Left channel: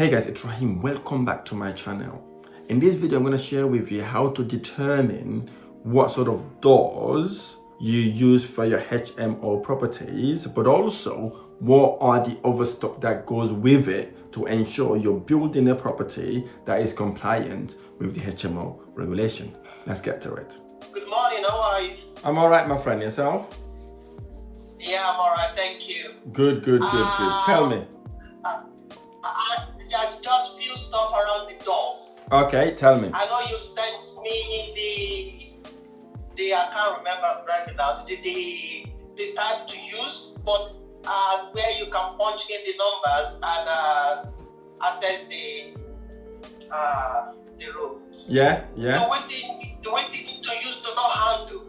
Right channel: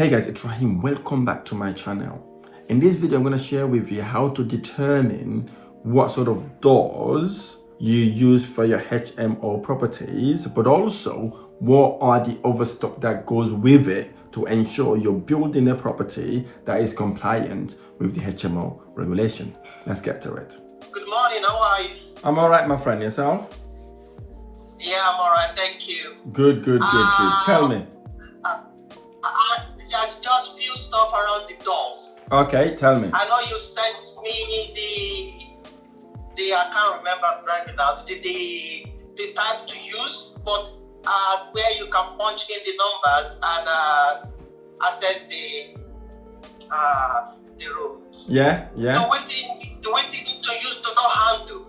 Hey guys, it's Rahim. Welcome back to my channel. In this video, I'm going to share with you how to determine what sort of doors you use for your HMO properties, but also what are the other stuff that goes with it to ensure you're building a property that is compliant with the HMO regulation. Let's get to it. Good morning, how are you? I'm all right, my friend. Yourself? Yeah, I'm all right, thank you. Good. Tell me. Just few stuff around the doors. Okay, tell me. I know you sent me the I can't remember right now, the type to use, but where you can punch in the numbers and access the room. Yeah. The way they need to use to not handle,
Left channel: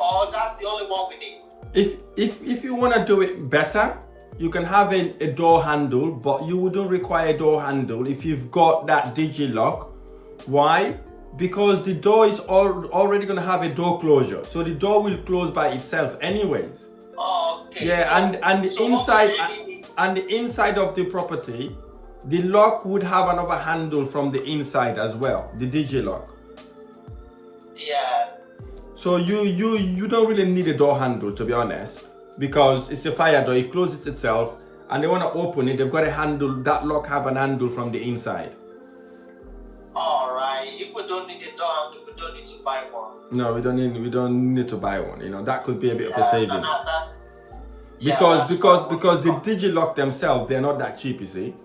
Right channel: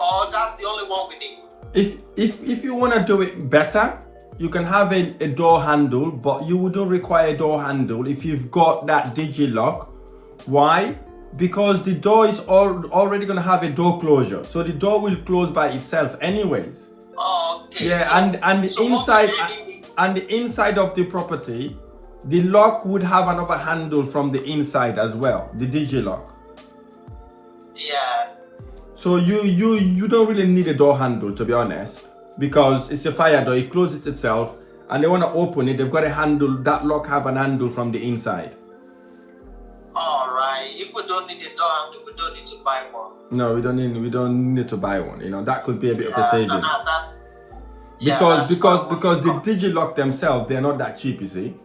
or that's the only one we need. If you want to do it better, you can have a door handle, but you wouldn't require a door handle if you've got that Digi lock. Why? Because the door is already going to have a door closure, so the door will close by itself anyways. Oh, okay. Yeah, and the inside of the property, the lock would have another handle from the inside as well, the Digi lock. Yeah. So you don't really need a door handle, to be honest, because it's a fire door, it closes itself, and they want to open it, they've got a handle, that lock have an handle from the inside. Alright, if we don't need a door handle, we don't need to buy one. No, we don't need to buy one, you know, that could be a bit of a savings. That's Because the Digi lock themselves, they're not that cheap, you see.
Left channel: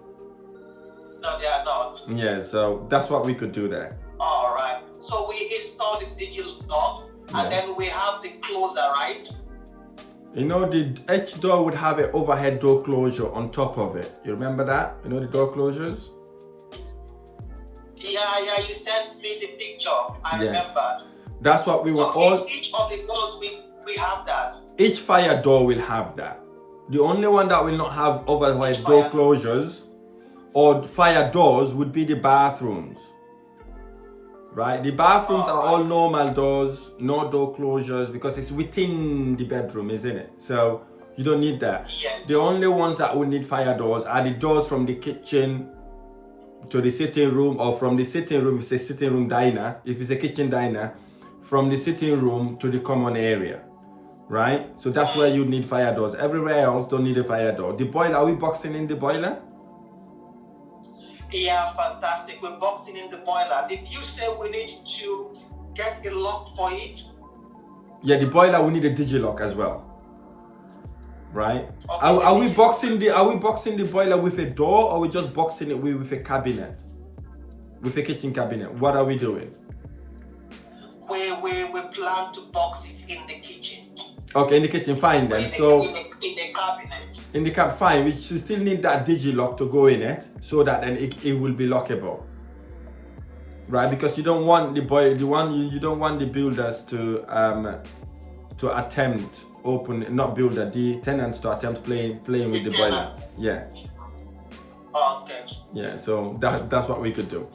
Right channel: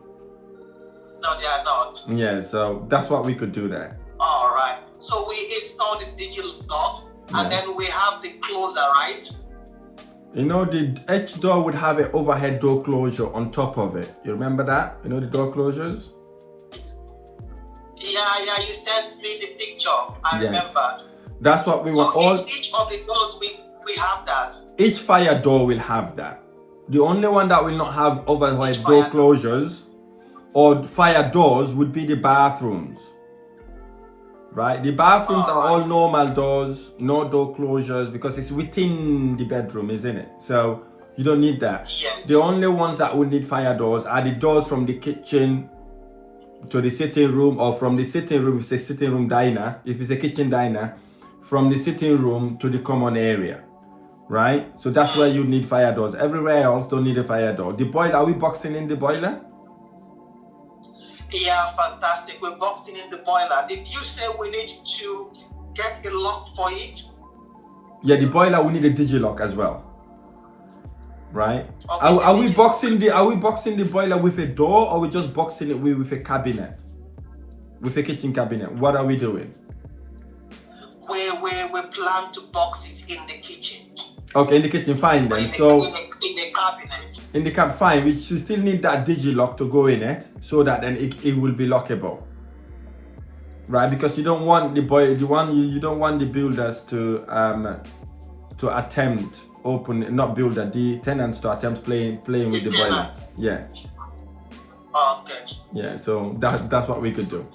No, they are not. Yeah, so that's what we could do there. Alright, so we install the digital lock, and then we have the closer, right? You know, each door would have an overhead door closure on top of it. You remember that? You know the door closures? Yeah, you sent me the picture. I remember. That's what we want. Each of the doors, we have that. Each fire door will have that. The only one that will not have overhead door closures or fire doors would be the bathrooms. Right? The bathrooms are all normal doors, no door closures, because it's within the bedroom, isn't it? So you don't need that. Yes. The only ones that would need fire doors are the doors from the kitchen to the sitting room, or from the sitting room, if it's a sitting room diner, if it's a kitchen diner, from the sitting room to the common area. Right? So that's where you need fire doors. Everywhere else don't need a fire door. The boiler, are we boxing in the boiler? Yeah, fantastic. We're boxing in the boiler. Did you say we need to get a lock for it? Yeah, the boiler we need a Digi lock as well. Right? Okay, Are we boxing the boiler with a door, or we just boxing it with a cabinet? With a kitchen cabinet? What are we doing? We plan to box it in the kitchen. Okay, in the kitchen, fine then. In the cabinet. In the cab, fine. We still need that Digi lock to go in it, so that then it will be lockable. Right? Because you don't want you don't want the builders to attempt the tenants to attempt playing with the boiler. Yeah. Oh, okay. Yeah, so that's what we could do.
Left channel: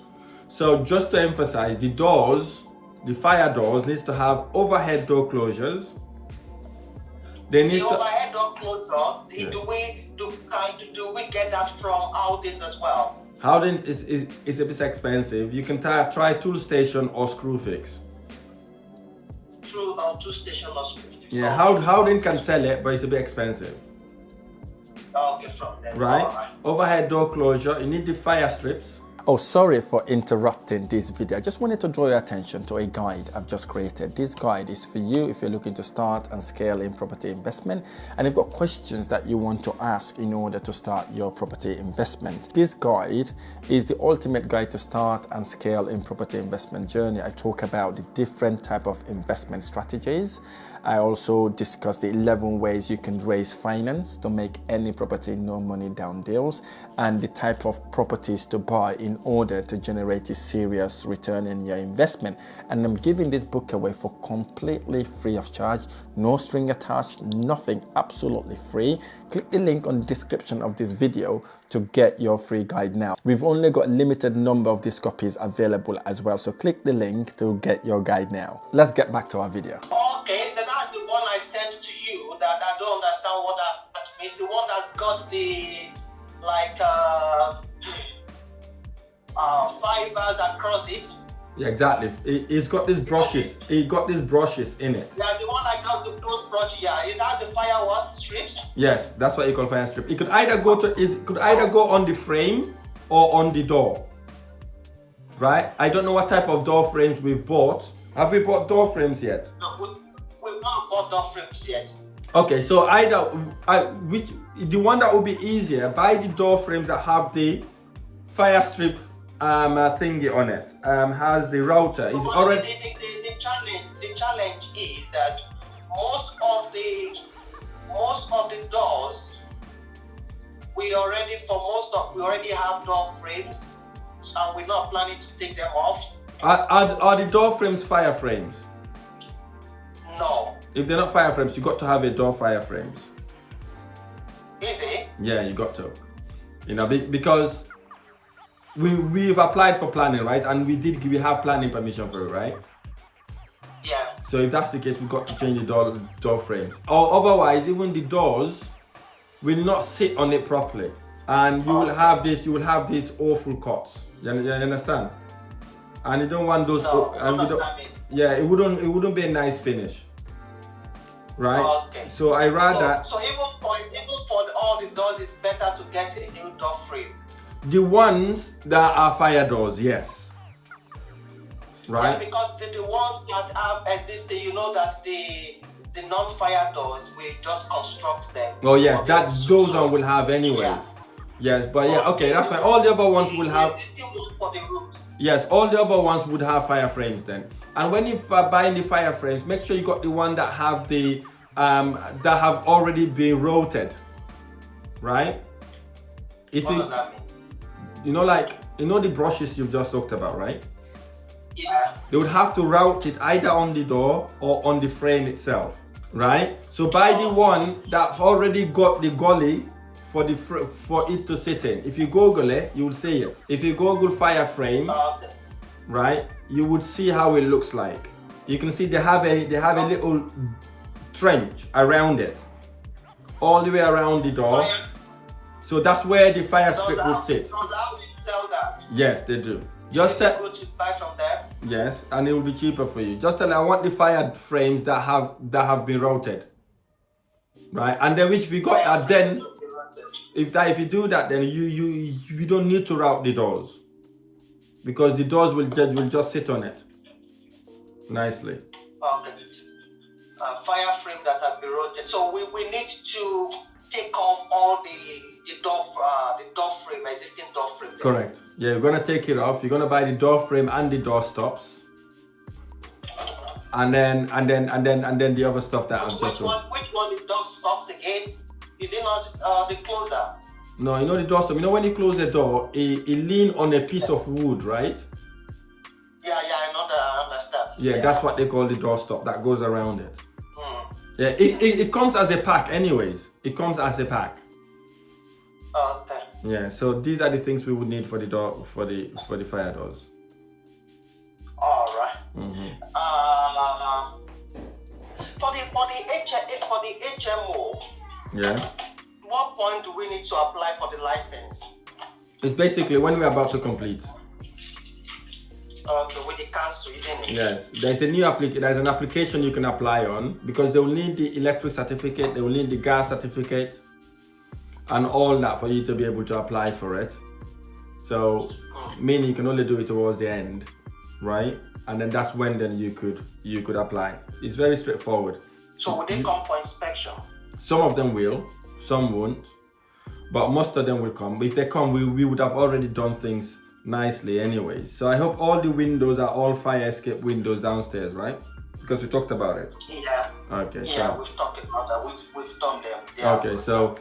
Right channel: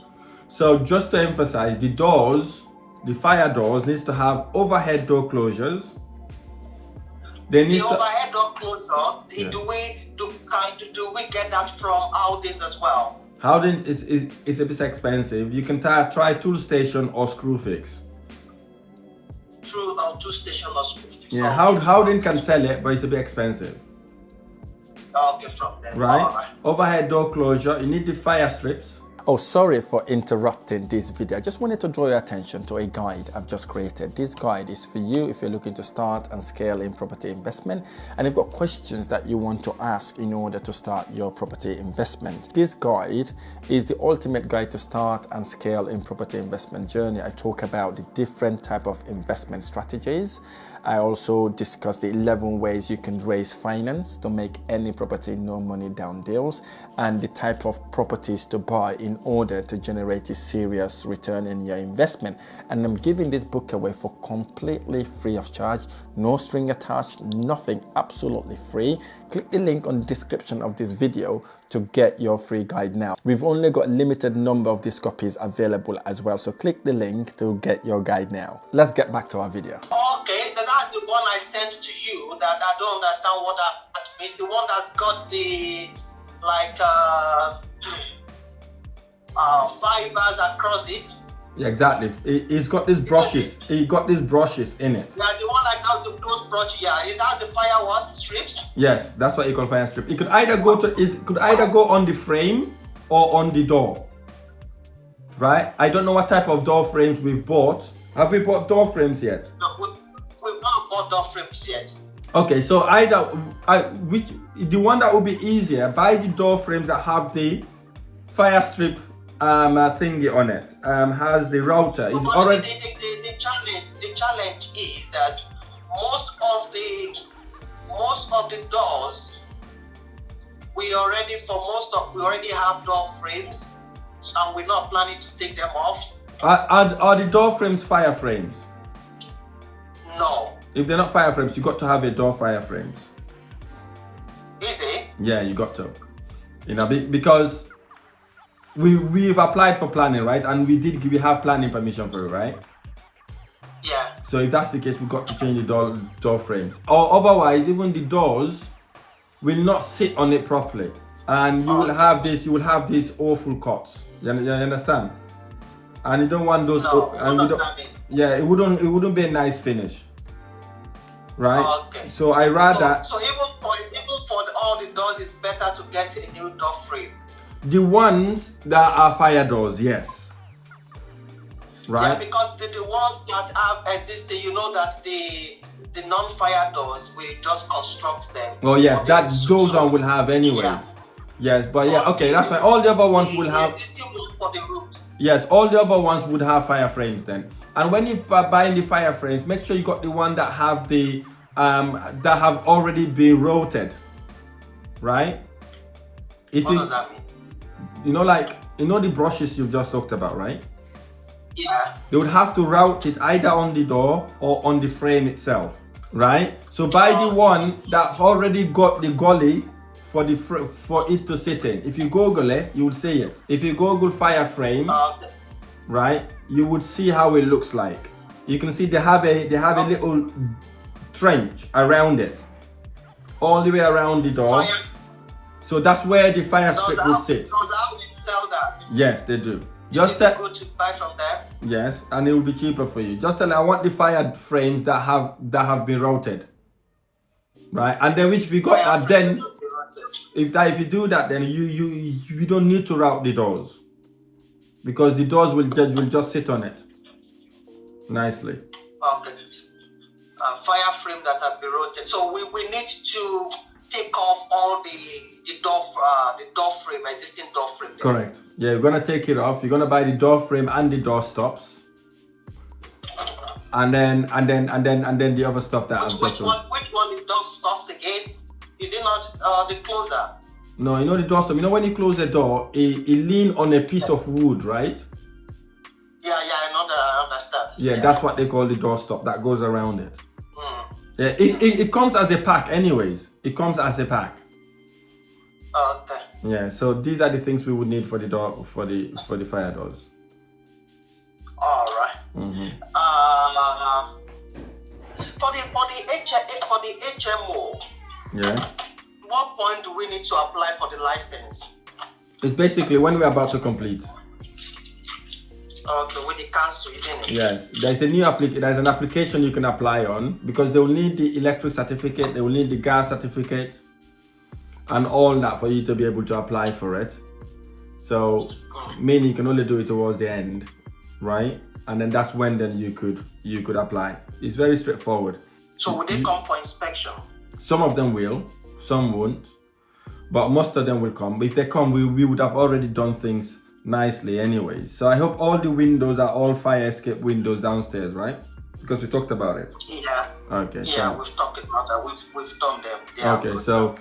So just to emphasize, the doors, the fire doors needs to have overhead door closures. They need the overhead door closer, do we get that from Howdens as well? Howden is a bit expensive. You can try Toolstation or Screwfix. Through Toolstation or Screwfix. Yeah, Howden can sell it, but it's a bit expensive. Okay, from there. Right? Overhead door closure. You need the fire strips. Oh, sorry for interrupting this video. I just wanted to draw your attention to a guide I've just created. This guide is for you if you're looking to start and scale in property investment, and you've got questions that you want to ask in order to start your property investment. This guide is the ultimate guide to start and scale in property investment journey. I talk about the different type of investment strategies. I also discuss the 11 ways you can raise finance to make any property no money down deals, and the type of properties to buy in order to generate a serious return in your investment. And I'm giving this book away for completely free of charge, no string attached, nothing, absolutely free. Click the link on the description of this video to get your free guide now. We've only got a limited number of these copies available as well, so click the link to get your guide now. Let's get back to our video. Okay, that's the one I sent to you that I don't understand what that means. The one that's got the fibers across it. Yeah, exactly. It's got these brushes. It got these brushes in it. Yeah, the one that does the close brush. Yeah, is that the fire what strips? Yes, that's what you call fire strip. It could either go on the frame or on the door. Right? I don't know what type of door frames we've bought. Have we bought door frames yet? No, we've not bought door frames yet. Okay, so the one that would be easier, buy the door frames that have the fire strip thingy on it. Has the router. Is already. The challenge is that most of the doors we already have door frames, and we're not planning to take them off. Are the door frames fire frames? No. If they're not fire frames, you got to have a door fire frames. Is it? Yeah, you got to. You know, because we've applied for planning, right? And we have planning permission for it, right? Yeah. So if that's the case, we've got to change the door frames. Or otherwise, even the doors will not sit on it properly. And you will have these awful cuts. You understand? And you don't want those. No, And we don't. Yeah, it wouldn't be a nice finish, right? Okay. So I rather. So even for all the doors, it's better to get a new door frame. The ones that are fire doors, yes. Right? Yeah, because the ones that have existed, you know that the non-fire doors, we just construct them. Oh yes, those one will have anyways. Yeah. Yes, but yeah, okay, that's fine. All the other ones will have. It's still room for the rooms. Yes, all the other ones would have fire frames then. And when you are buying the fire frames, make sure you got the one that have the that have already been routed, right? If What you does that mean? you know the brushes you've just talked about, right? Yeah. They would have to route it either on the door or on the frame itself, right? So buy the one that already got the gully for it to sit in. If you Google it, you will see it. If you Google fire frame, right, you would see how it looks like. You can see they have a little trench around it, all the way around the door. So that's where the fire strip would sit. Does how you sell that? Yes, they do. Just go to buy from that. Yes, and it will be cheaper for you. Just tell them I want the fire frames that have been routed, right? And then if we got that, then if you do that, then you don't need to route the doors, because the doors will just sit on it nicely. Okay. Fire frame that have been rotated. So we need to take off all the door frame, existing door frame. Correct. Yeah, you're gonna take it off. You're gonna buy the door frame and the door stops, and then the other stuff that I've just told. Which one is door stops again? Is it not the closer? No, you know the door stop. You know when you close the door, it lean on a piece of wood, right? Yeah, I know that. I understand. Yeah, that's what they call the door stop that goes around it. Mm. Yeah, it comes as a pack anyways. It comes as a pack. Okay. Yeah, so these are the things we would need for the door for the fire doors. All right. Mm-hmm. For the HMO. Yeah. What point do we need to apply for the license? It's basically when we're about to complete. Okay, with the council, isn't it? Yes, there's an application you can apply on, because they will need the electric certificate, they will need the gas certificate, and all that for you to be able to apply for it. So, meaning you can only do it towards the end, right? And then that's when then you could apply. It's very straightforward. So will they come for inspection? Some of them will, some won't, but most of them will come. If they come, we would have already done things nicely anyways. So I hope all the windows are all fire escape windows downstairs, right? Because we talked about it. Yeah. Okay. Yeah, So we've talked about that. We've done them. Yeah, okay. So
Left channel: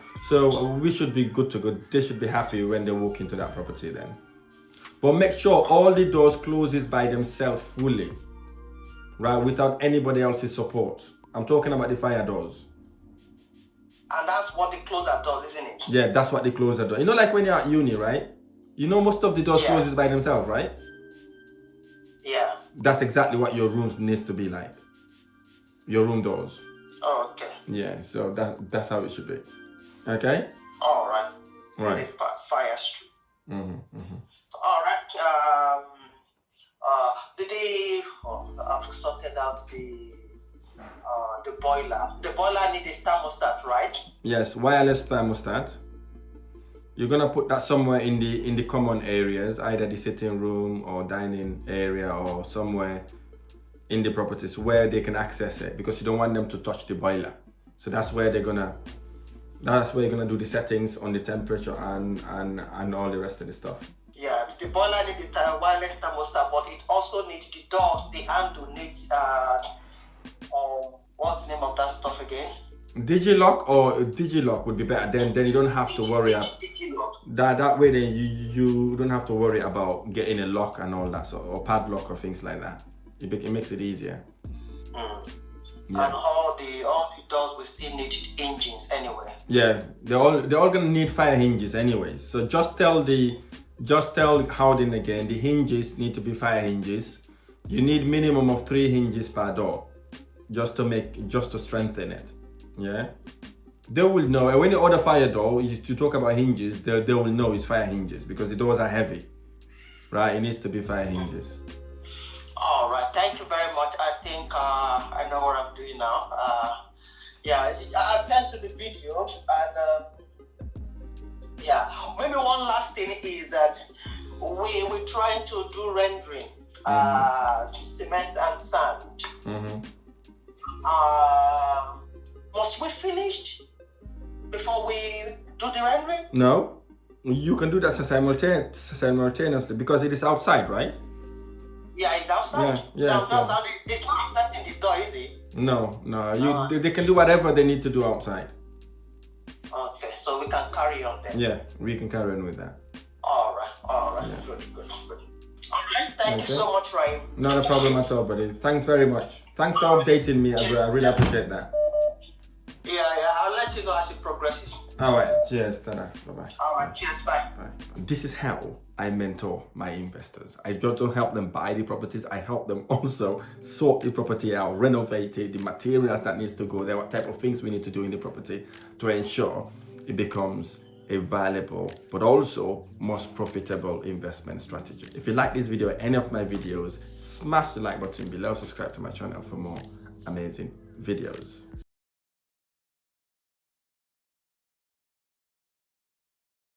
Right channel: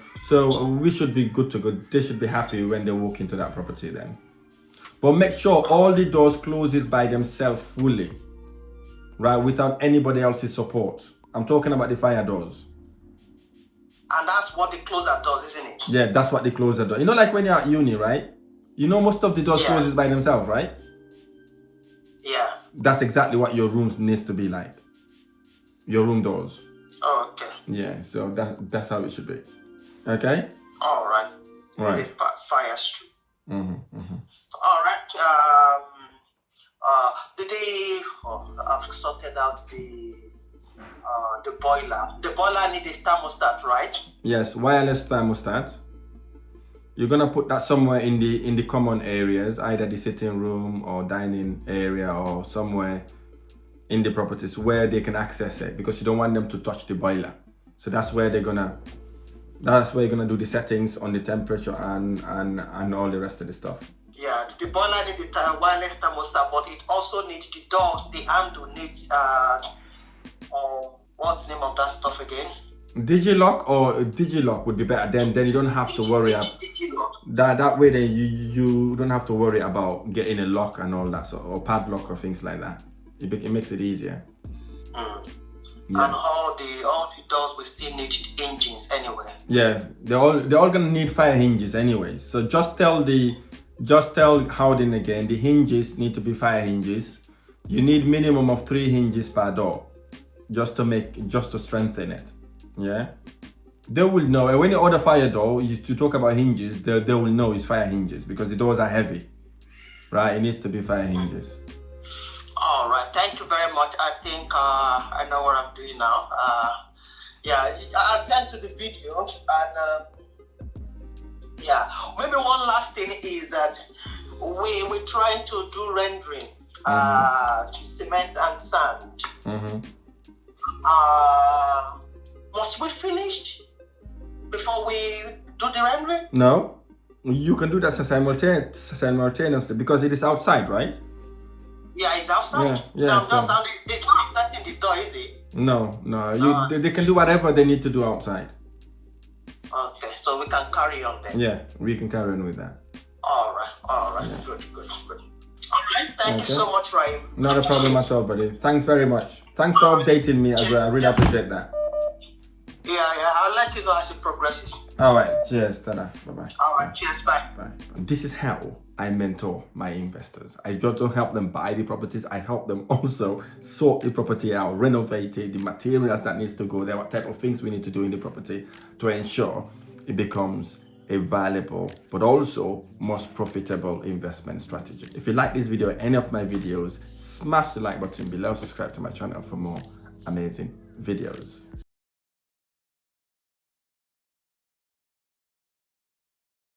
we should be good to go. They should be happy when they walk into that property then. But make sure all the doors closes by themselves fully, right? Without anybody else's support. I'm talking about the fire doors. And that's what the closer does, isn't it? Yeah, that's what the closer door. You know, like when you're at uni, right? You know, most of the doors closes by themselves, right? Yeah. That's exactly what your room needs to be like. Your room doors. Oh, okay. Yeah, so that's how it should be. Okay? All right. Right. Fire street. Mm-hmm, mm-hmm. All right. I've sorted out the boiler. The boiler needs a thermostat, right? Yes, wireless thermostat. You're gonna put that somewhere in the common areas, either the sitting room or dining area or somewhere in the properties where they can access it, because you don't want them to touch the boiler. So that's where you're gonna do the settings on the temperature and all the rest of the stuff. Yeah, the boiler needs the wireless thermostat, but it also needs the door. The handle needs what's the name of that stuff again? Digilock would be better. Then you don't have to worry about that way. Then you don't have to worry about getting a lock and all that, so, or padlock or things like that. It makes it easier. Yeah. And all the doors will still need engines anyway. Yeah, they're all gonna need fire hinges anyway. So just tell Howden again, the hinges need to be fire hinges. You need minimum of 3 hinges per door, just to strengthen it. Yeah, they will know. And when you order fire door, to talk about hinges, they will know it's fire hinges, because the doors are heavy, right? It needs to be fire hinges. All right, thank you very much. I think I know what I'm doing now. Yeah, I sent you the video, and yeah, maybe one last thing is that we're trying to do rendering, cement and sand. Must we finish before we do the rendering? No, you can do that simultaneously, because it is outside, right? Yeah, it's outside. Yeah. So it's not affecting the door, is it? No. They can do whatever they need to do outside. Okay, so we can carry on then. Yeah, we can carry on with that. All right. Yeah. Good. All right, thank you so much, Rahim. Not a problem at all, buddy. Thanks very much. Thanks for updating me as well. I really appreciate that. Yeah, I'll let you know as it progresses. All right, cheers. Ta-da. Bye-bye. All right, cheers, bye. Bye. This is how I mentor my investors. I just don't help them buy the properties. I help them also sort the property out, renovate it, the materials that needs to go there, what type of things we need to do in the property to ensure it becomes a valuable but also most profitable investment strategy. If you like this video or any of my videos, smash the like button below, subscribe to my channel for more amazing videos.